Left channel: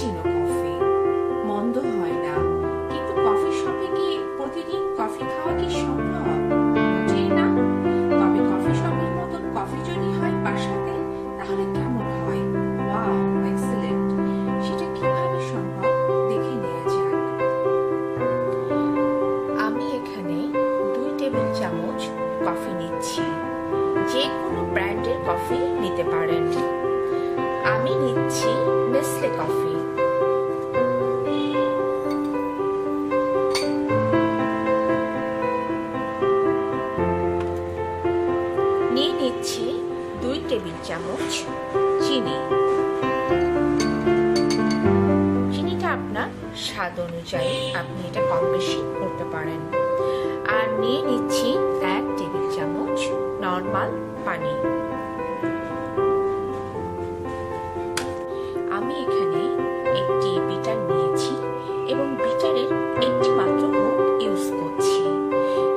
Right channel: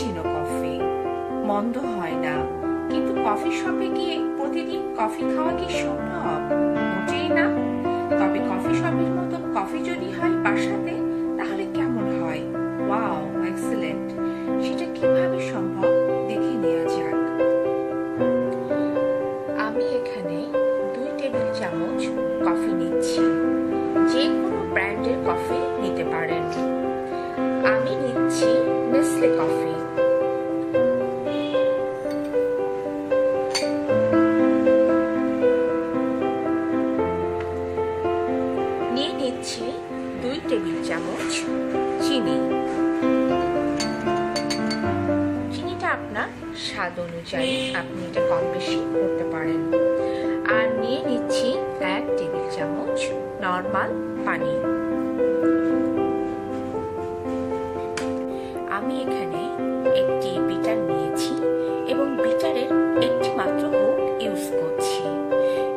Cappuccino coffee, মন্দ হয় না। কিন্তু কফি শপে গিয়ে প্রতিদিন কফি খাওয়া কি সম্ভব? মোটেই না। তবে কফি শপের মতন কফি যদি হয় বাসাতে, তাহলে কেমন হয়? Wow, excellent. সেটা কিভাবে সম্ভব দেখে নেওয়া যাক। আমি এখানে 2 টেবিল চামচ কফি নিচ্ছি। যে কোনো ব্র্যান্ডের কফি নিতে পারেন। আমি নিচ্ছি নেসলে কফি। নিয়ে নিচ্ছি 2 টেবিল চামচ চিনি। চিনিটা আপনার স্বাদ অনুযায়ী আপনি এটা কম বেশি করতে পারেন। আর নিয়ে নিচ্ছি 1 টেবিল চামচ নরমাল পানি। আমি এখানে একটি বিটার নিয়েছি এবং বিটারের একটি মাত্র হুক ইউজ করছি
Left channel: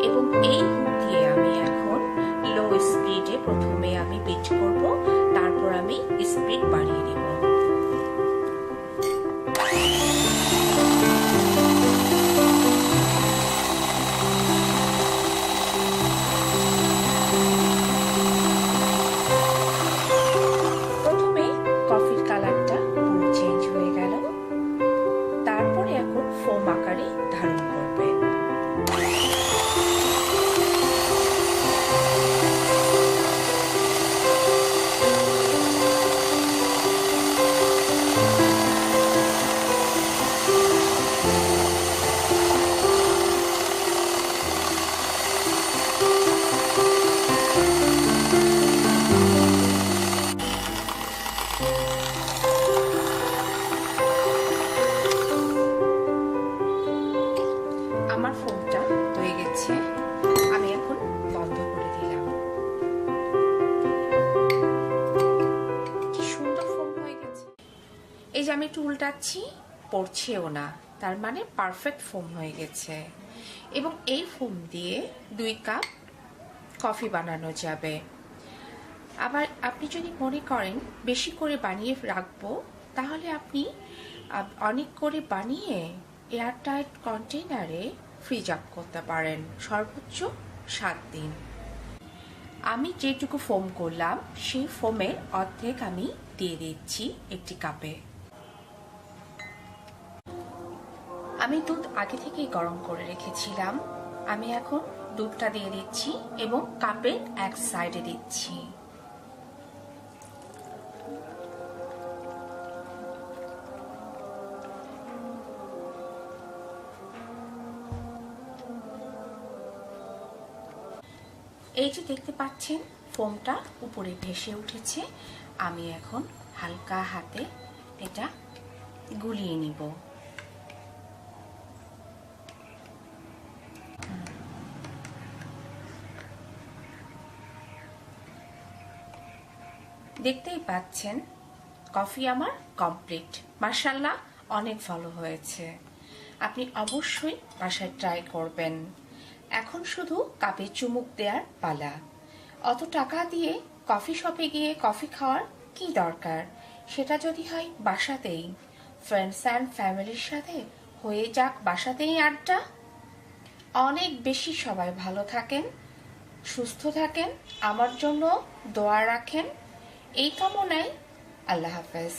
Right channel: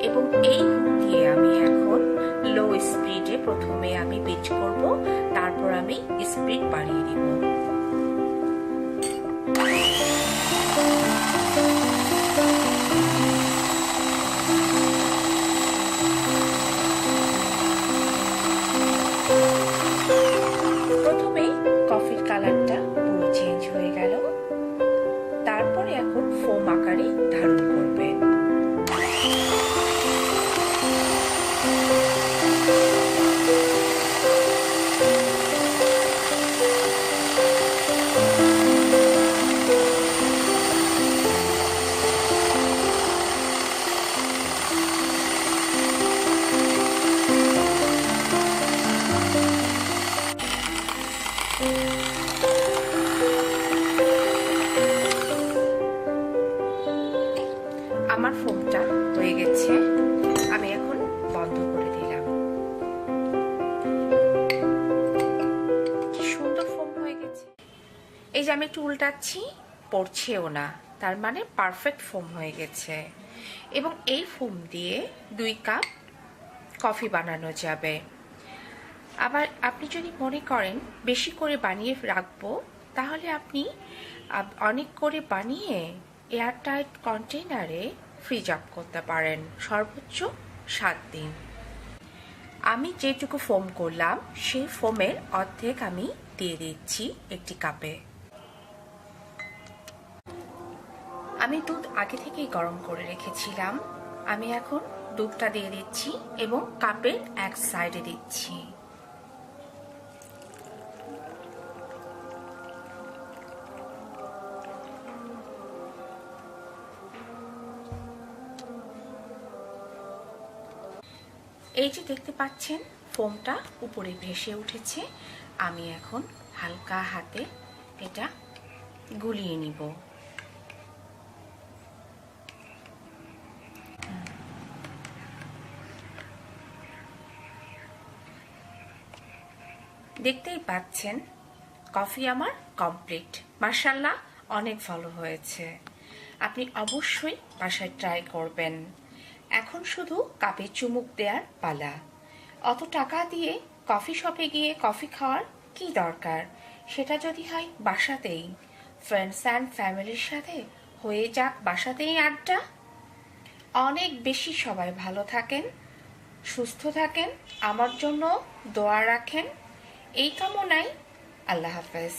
এবং এই হুক দিয়ে আমি এখন লো স্পিডে প্রথমে আমি বিট করব, তারপর আমি স্পিড বাড়িয়ে দিব। প্রথমে কফির কালারটা পুরো চেঞ্জ হয়ে গেল, তারপরে এখন ফোম আকারে ধারণ করবে। আমার ফোমটা হয়ে গেছে, আমি এখন বন্ধ করে দিলাম। কি সুন্দর ফোম হয়ে গেছে। এই যে আমি একটু উল্টাচ্ছি, পড়ছেও না, তার মানে পারফেক্ট ফোম হয়ে গেছে। এবং এই ফোম দিয়ে 2 কাপ কফি বানানো যাবে। আবার আপনি যদি মনে করেন বেশি করে বানিয়ে রাখবো, তাহলে আপনি অনেক করে বানিয়ে এয়ারটাইট কন্টেইনারে ফ্রিজ আপ করতে পারেন সর্বোচ্চ 7 দিন। আমি যেটুকু ফোম করলাম সেই ফোমের অর্ধেক আমি দিয়ে দিচ্ছি একটি কাপে। আমি দুধ আগে থেকেই গরম করে রেখেছিলাম। আমি এখন দুধটা দিয়ে দিচ্ছি এবং কাপের এক সাইডে দিচ্ছি। এই যে দেখতে পাচ্ছেন ফোমটা উপরে ভেসে উঠেছে। আমি এখন হালকা হাতে এটা গুলিয়ে নিব। দেখতেই পাচ্ছেন কফি আমার কমপ্লিট। মাশাআল্লাহ, অনেক ভালো হয়েছে। আপনি অবশ্যই বাসায় ট্রাই করবেন। এখন শুধু কাপে চুমুক দেওয়ার পালা। অত টাকা দিয়ে কফি শপে গিয়ে কফি খাওয়ার কি দরকার? সেটা যদি হয় বাসাতেই, ফ্রেন্ডস অ্যান্ড ফ্যামিলির সাথে হয়ে যাক বাসাতেই আড্ডা। অনেক বেশি সবাই ভালো থাকেন, সুস্থ থাকেন, আমার জন্য দোয়া রাখেন। এই কামনায় আল্লাহ হাফেজ।